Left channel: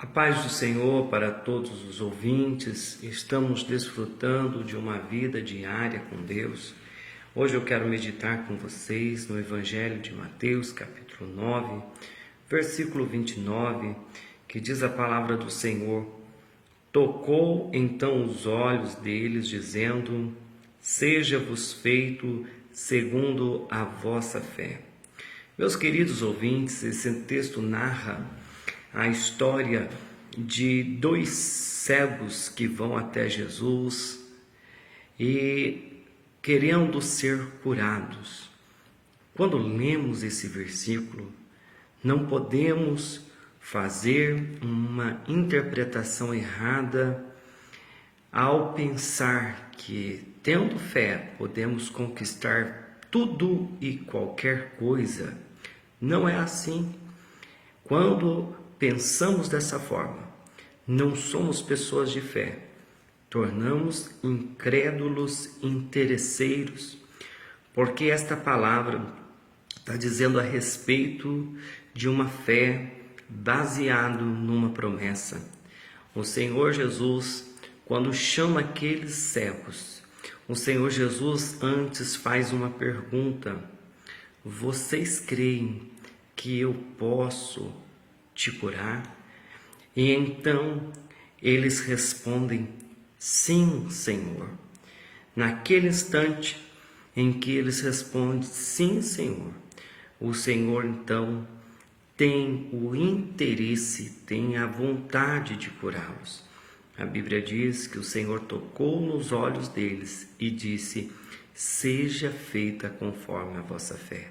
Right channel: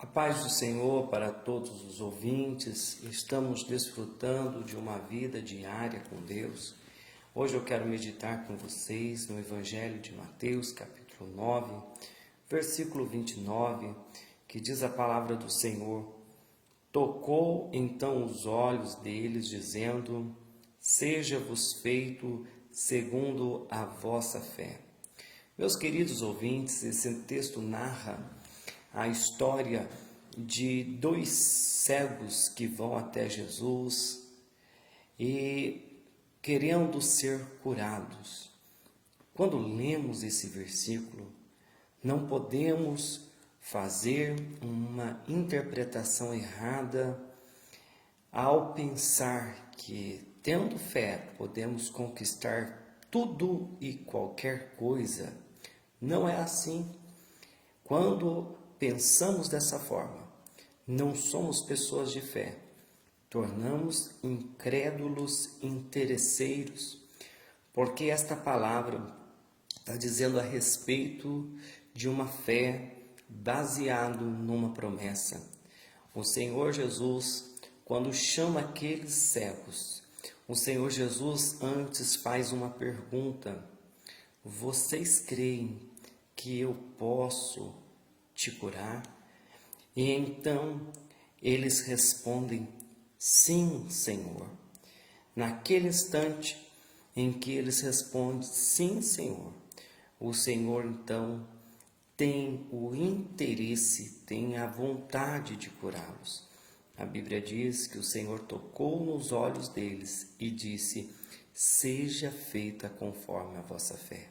A paz do Senhor para todos os ouvintes. Estamos desfrutando de uma vida diária com Deus. Hoje eu quero meditar com vocês no Evangelho de Mateus, capítulo 9, versículo 29, que diz a palavra do Senhor: Tocou então os olhos deles, dizendo: Seja-vos feito segundo a vossa fé. Meus queridos ouvintes, esse texto narra a história de dois cegos que vão até Jesus e querendo ser curados. Quando lemos esse versículo, não podemos fazer uma interpretação errada ao pensar que, tendo fé, podemos conquistar tudo e qualquer coisa. Não é assim. Quando pensamos dessa forma, não somos pessoas de fé, tornamos incrédulos interesseiros, porque esta palavra está dizendo a respeito de uma fé baseada numa promessa. O Senhor Jesus, quando chama aqueles cegos, o Senhor Jesus antes faz uma pergunta: vocês creem que eu posso te curar? E então eles respondem: sim, Senhor. Naquele instante em que eles respondem sim, Senhor, o Senhor então tem o interesse, tem a vontade de curá-los. A Bíblia diz que o Senhor tocou nos olhos deles e disse: seja feita conforme a vossa fé.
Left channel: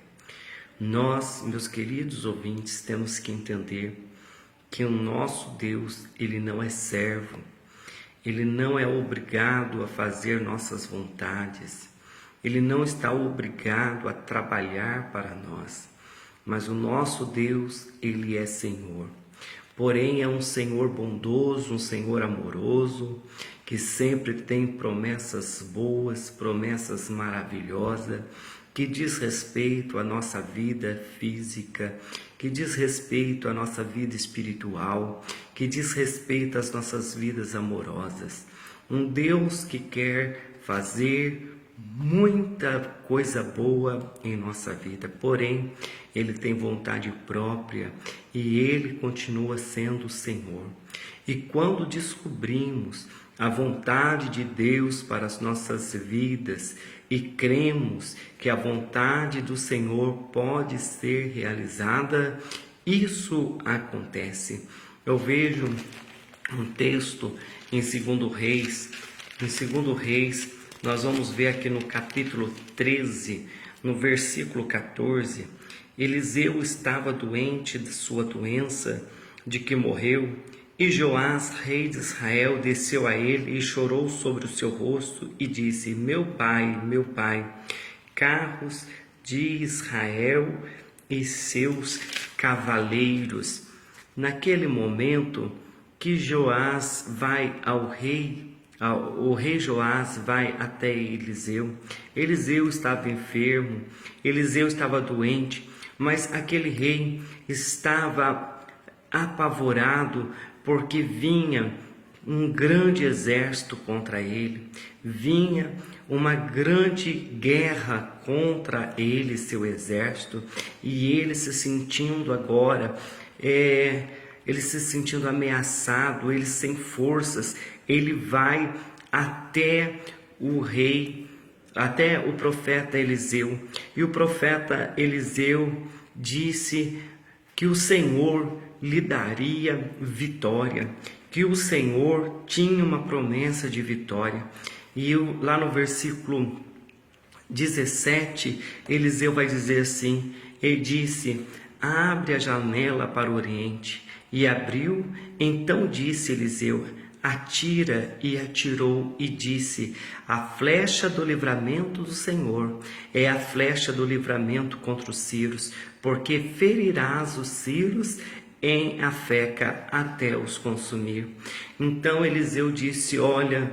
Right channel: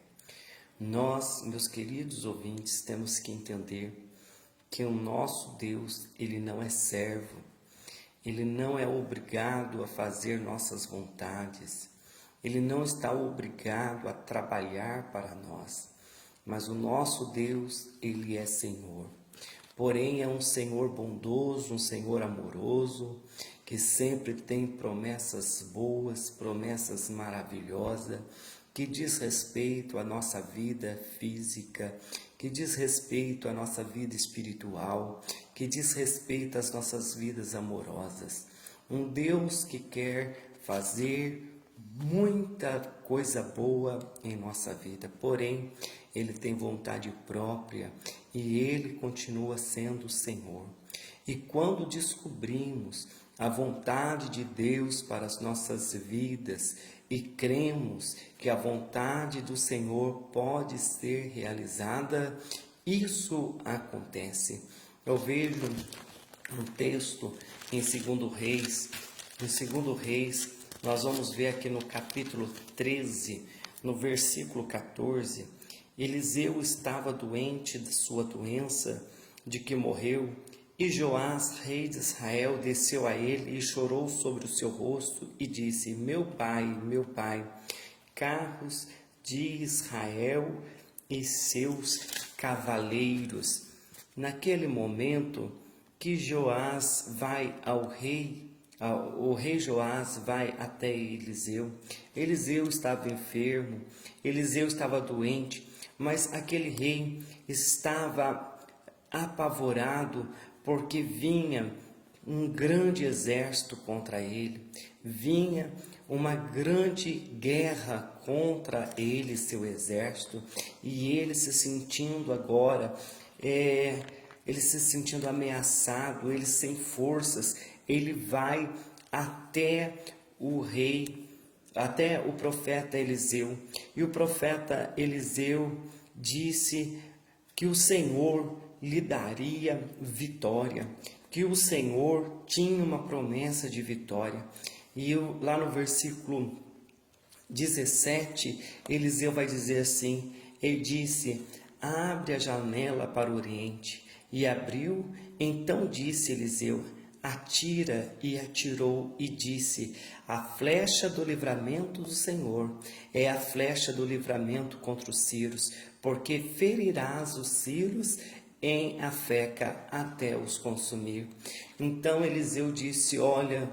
Nós, meus queridos ouvintes, temos que entender que o nosso Deus, Ele não é servo, Ele não é obrigado a fazer nossas vontades, Ele não está obrigado a trabalhar para nós, mas o nosso Deus, Ele é Senhor. Porém, é um Senhor bondoso, um Senhor amoroso, que sempre tem promessas boas, promessas maravilhosas, que diz respeito à nossa vida física, que diz respeito à nossa vida espiritual, que diz respeito às nossas vidas amorosas. Um Deus que quer fazer muita coisa boa em nossa vida, porém, Ele tem vontade própria e Ele continua sendo o Senhor. E quando descobrimos a vontade de Deus para as nossas vidas e cremos que a vontade do Senhor pode ser realizada, isso acontece. Eu vejo um texto em 2 Reis. Em 2 Reis, nós vamos ver aqui no capítulo 13, no versículo 14, Eliseu estava doente de sua doença, de que morreu, e Joás, rei de Israel, desceu a ele e chorou sobre o seu rosto e disse: meu pai, carros de Israel e seus cavaleiros. Naquele momento que Joás vai o rei Joás vai até Eliseu. Eliseu estava enfermo, Eliseu estava doente, mas aquele rei estava apavorado, porque vinha um grande exército contra ele, vinha uma grande guerra contra ele, seu exército, e ele se sentindo agora, ele se sentindo ameaçado, ele sem forças, ele vai até o rei, até o profeta Eliseu, e o profeta Eliseu disse que o Senhor lhe daria vitória, que o Senhor tinha uma promessa de vitória. E lá no versículo 17, Eliseu vai dizer assim, ele disse: abre a janela para o oriente. E abriu, então disse Eliseu: atira, e atirou, e disse: a flecha do livramento do Senhor é a flecha do livramento contra os sírios, porque ferirás os sírios em Afeca até os consumir. Então Eliseu disse: olha,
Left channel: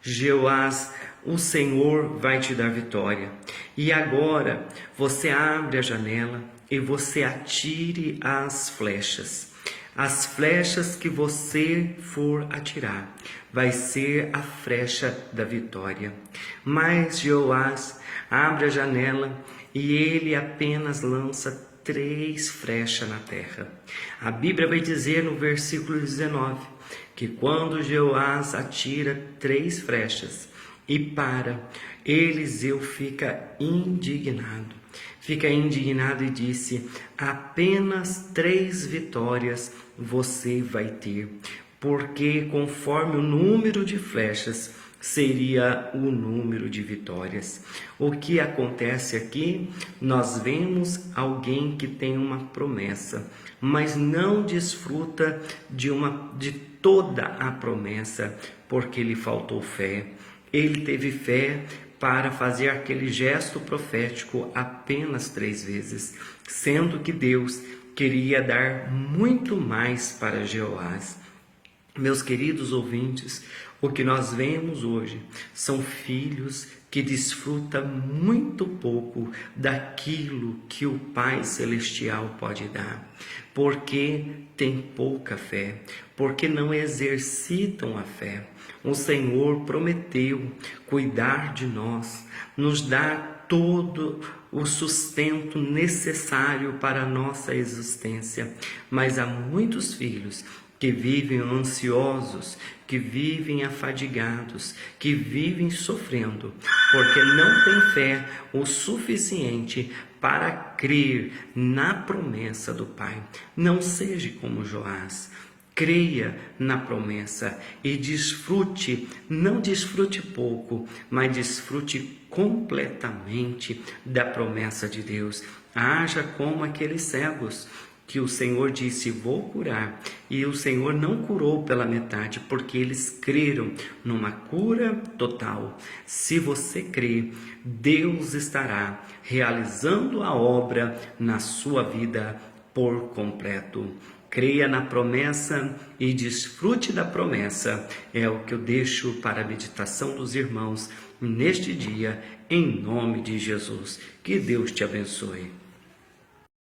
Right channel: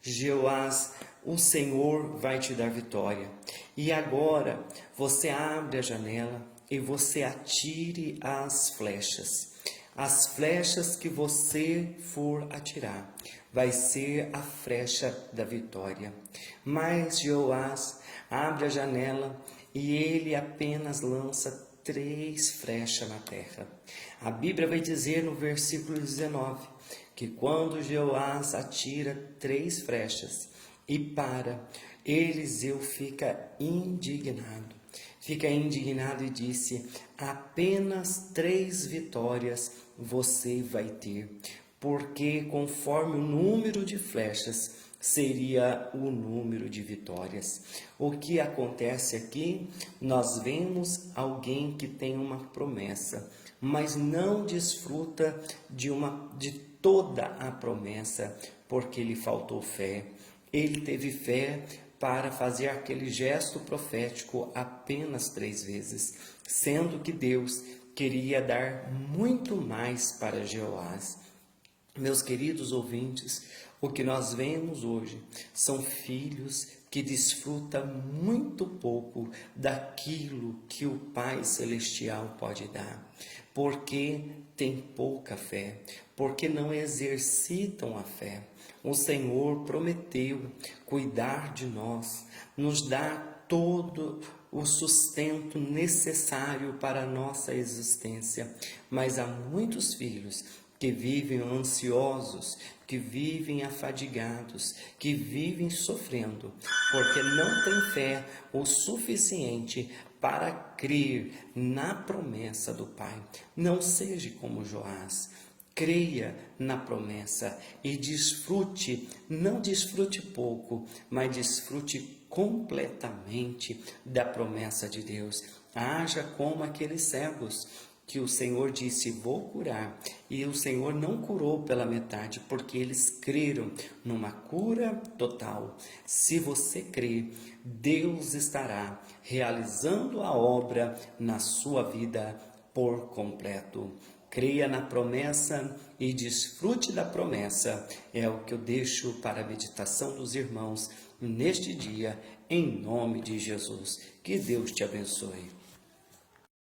Joás, o Senhor vai te dar vitória. E agora você abre a janela e você atire as flechas. As flechas que você for atirar vai ser a flecha da vitória. Mas Jeoás abre a janela e ele apenas lança 3 flechas na terra. A Bíblia vai dizer no versículo 19 que quando Jeoás atira 3 flechas e para, Eliseu fica indignado. Fica indignado e disse: apenas 3 vitórias você vai ter, porque conforme o número de flechas seria o número de vitórias. O que acontece aqui? Nós vemos alguém que tem uma promessa, mas não desfruta de toda a promessa, porque lhe faltou fé. Ele teve fé para fazer aquele gesto profético apenas 3 vezes, sendo que Deus queria dar muito mais para Jeoás. Meus queridos ouvintes, o que nós vemos hoje são filhos que desfrutam muito pouco daquilo que o Pai Celestial pode dar, porque tem pouca fé, porque não exercitam a fé. O Senhor prometeu cuidar de nós, nos dar todo o sustento necessário para a nossa existência, mas há muitos filhos que vivem ansiosos, que vivem afadigados, que vivem sofrendo, porque não têm fé o suficiente para crer na promessa do Pai. Não seja como Joás. Creia na promessa e desfrute, não desfrute pouco, mas desfrute completamente da promessa de Deus. Haja como aqueles cegos que o Senhor disse: vou curar, e o Senhor não curou pela metade, porque eles creram numa cura total. Se você crê, Deus estará realizando a obra na sua vida por completo. Creia na promessa e desfrute da promessa. É o que eu deixo para a meditação dos irmãos neste dia, em nome de Jesus. Que Deus te abençoe.